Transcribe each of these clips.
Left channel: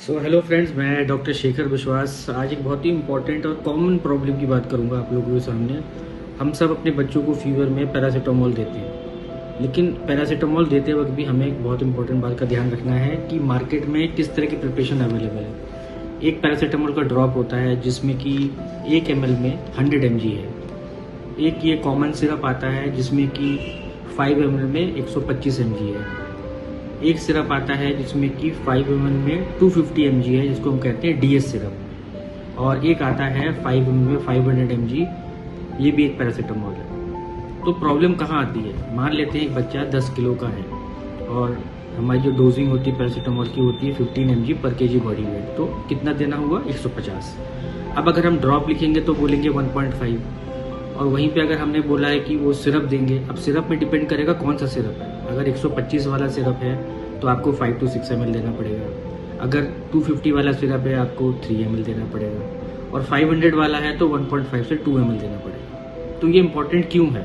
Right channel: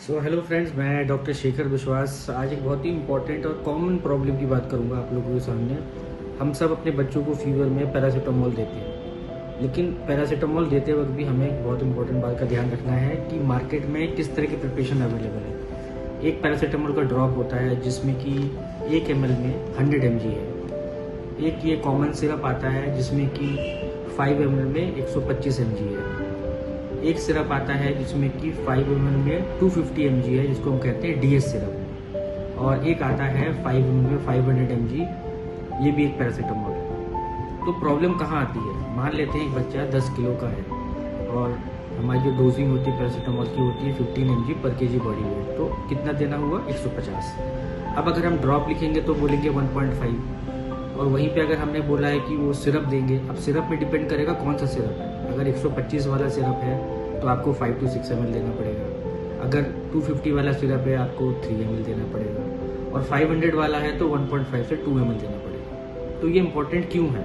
Hello friends, मैं doctor Shekhar विश्वास आज एक बहुत ही इंपॉर्टेंट और कॉमन प्रॉब्लम की बात करूंगा आप लोगों के सामने। हम सब अपने बच्चों को फीवर में पैरासीटामोल देते हैं, लेकिन पैरासीटामोल देते वक्त भी हमें एक बहुत इंपॉर्टेंट बात का ध्यान रखना है कि मार्केट में किस तरह की प्रिपरेशन अवेलेबल है। एक पैरासीटामोल का ड्रॉप होता है जिसमें कि 1 ml में 100 mg है। एक ये कॉमन सिरप आता है जिसमें कि 5 ml में 125 mg है। एक सिरप आता है जिसमें कि 5 ml में 250 mg है, जिसको हम कहते हैं DS सिरप। और एक आता है 5 ml में 500 mg, ये भी एक पैरासीटामोल है। तो प्रॉब्लम कहाँ आती है? मान लेते हैं एक बच्चा 10 किलो का है और हमारी जो डोजिंग होती है पैरासीटामोल की होती है 15 mg पर kg बॉडी वेट, तो कितना देना हुआ? 150। अब अगर हम ड्रॉप लिखेंगे तो बोलेंगे 1.5, और वहीं पे अगर हमने बोला है कि वो सिरप देंगे, अब सिरप में डिपेंड करेगा कौन सा सिरप है। अगर 125 वाला सिरप है तो आपको 5 to 6 ml देना पड़ेगा। अगर 250 वाला सिरप है आपको 3 ml देना पड़ेगा, और 500 वाला है तो 1.5 से 2 ml देना पड़ेगा। तो ये इम्पोर्टेंट क्यों है?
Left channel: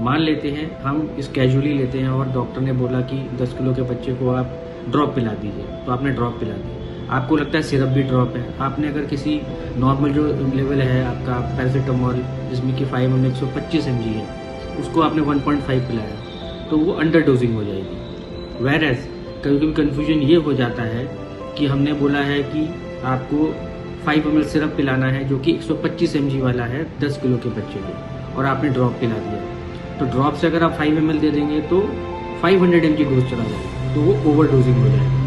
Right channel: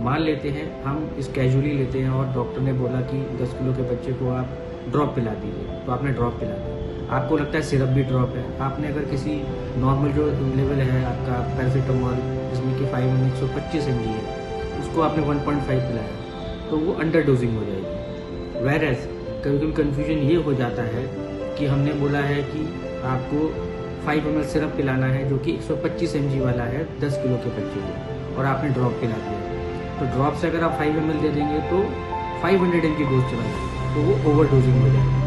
मान लेते हैं हम इस कैजुअली लेते हैं और डॉक्टर ने बोला कि 10 किलो के बच्चे को आप ड्रॉप पिला दीजिए, तो आपने ड्रॉप पिला दिया। आपको लगता है सिरप भी ड्रॉप है। आपने अगर किसी नॉर्मल जो लेवल है आपका पैरासीटामोल जिसमें कि 5 ml 125 mg है, उसको आपने 1.5 पिलाया तो वो अंडर डोजिंग हो जाएगी। वेरएज कभी कभी कन्फ्यूजन ये हो जाता है कि हमने बोला है कि आपको 5 ml सिरप पिलाना है जो कि 125 mg वाला है 10 किलो के बच्चे को, और आपने ड्रॉप पिला दिया। तो ड्रॉप से अगर आप 5 ml दे देंगे तो 500 mg डोज चला जाएगा, तो वो ओवर डोजिंग हो जाएगी।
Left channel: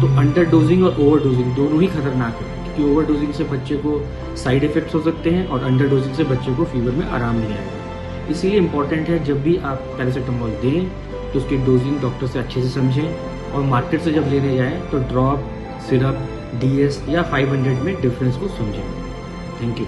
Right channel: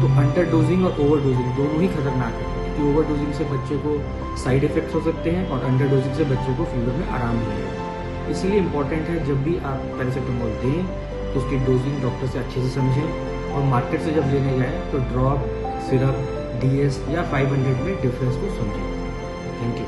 तो अंडर डोजिंग और ओवर डोजिंग दोनों ही खतरनाक है, क्योंकि ओवर डोजिंग से बच्चे को साइड इफेक्ट्स हो सकते हैं और अंडर डोजिंग से बच्चे को फीवर में आराम नहीं आएगा। इसीलिए इम्पोर्टेंट है जब भी आप पैरासीटामोल दें तो उसकी डोजिंग डॉक्टर से अच्छे से समझें, और मार्केट से जब लेने जाएं तो ड्रॉप, सिरप, DS या 500 में डिफरेंस को समझें। Thank you.